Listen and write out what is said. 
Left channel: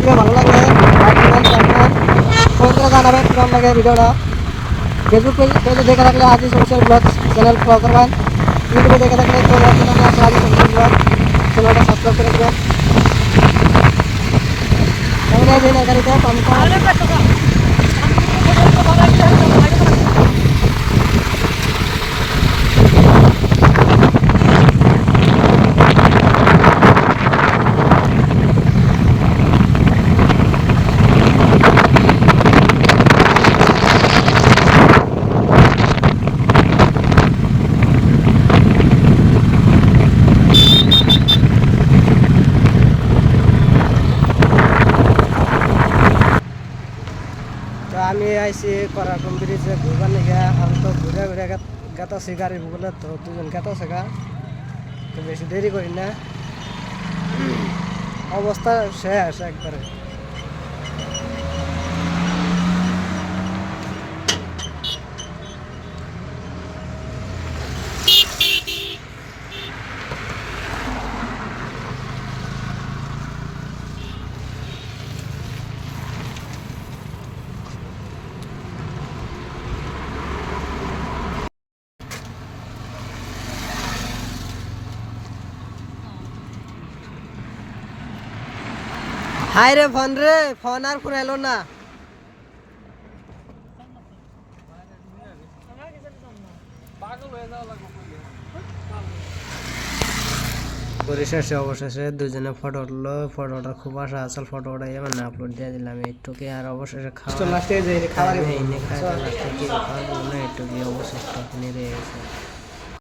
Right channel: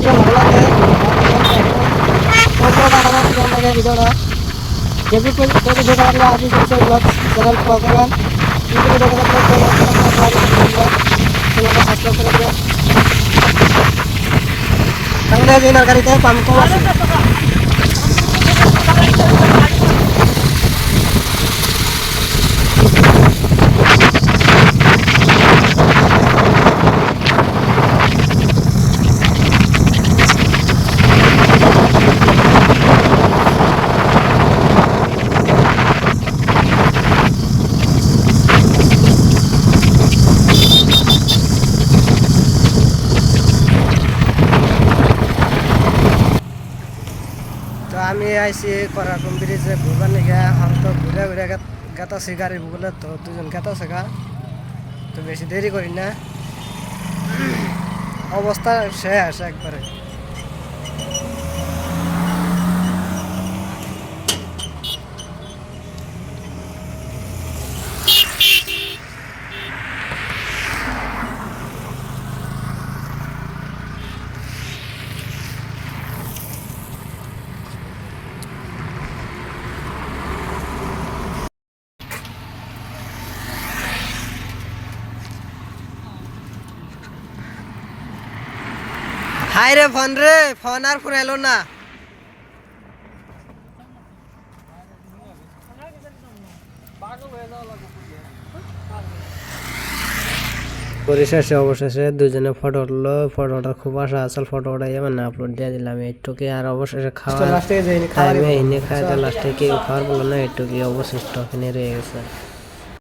Video ভালো লাগলে কোন জানাবেন কেমন লাগে ভিডিওটা। ফেসবুক পেজে দেখে থাকলে Aziz official blog channel follow করবেন। ইউটিউবে দেখে থাকলে চ্যানেলটা সাবস্ক্রাইব করে দেবেন। তাহলে বিনার গাড়িতে আমি তো আমি আইসি করাকুম ব্রিজে ঘুরবার নিগে এখন তো ঘুরে ঘুরে গেতাছি গাড়ি বলে তো দুজন গেতাছে গা তো বেশি দেরি করি না অবস্থা শেষ একবারে। হাই রে ফোন আর ফোন এলো না। পরিশেষে অবশেষে দুজনে ফটো উঠলো, ফটোটা খুব আশা আসল ফটোটা মানে আপলোড দিয়ে দিলাম একটুকি। আর অবশেষে খাওয়া লাস্টে খাওয়া লাস্টে কি খাওয়ার বললো না একটুকি অবশিষ্ট রয়ে গেছে।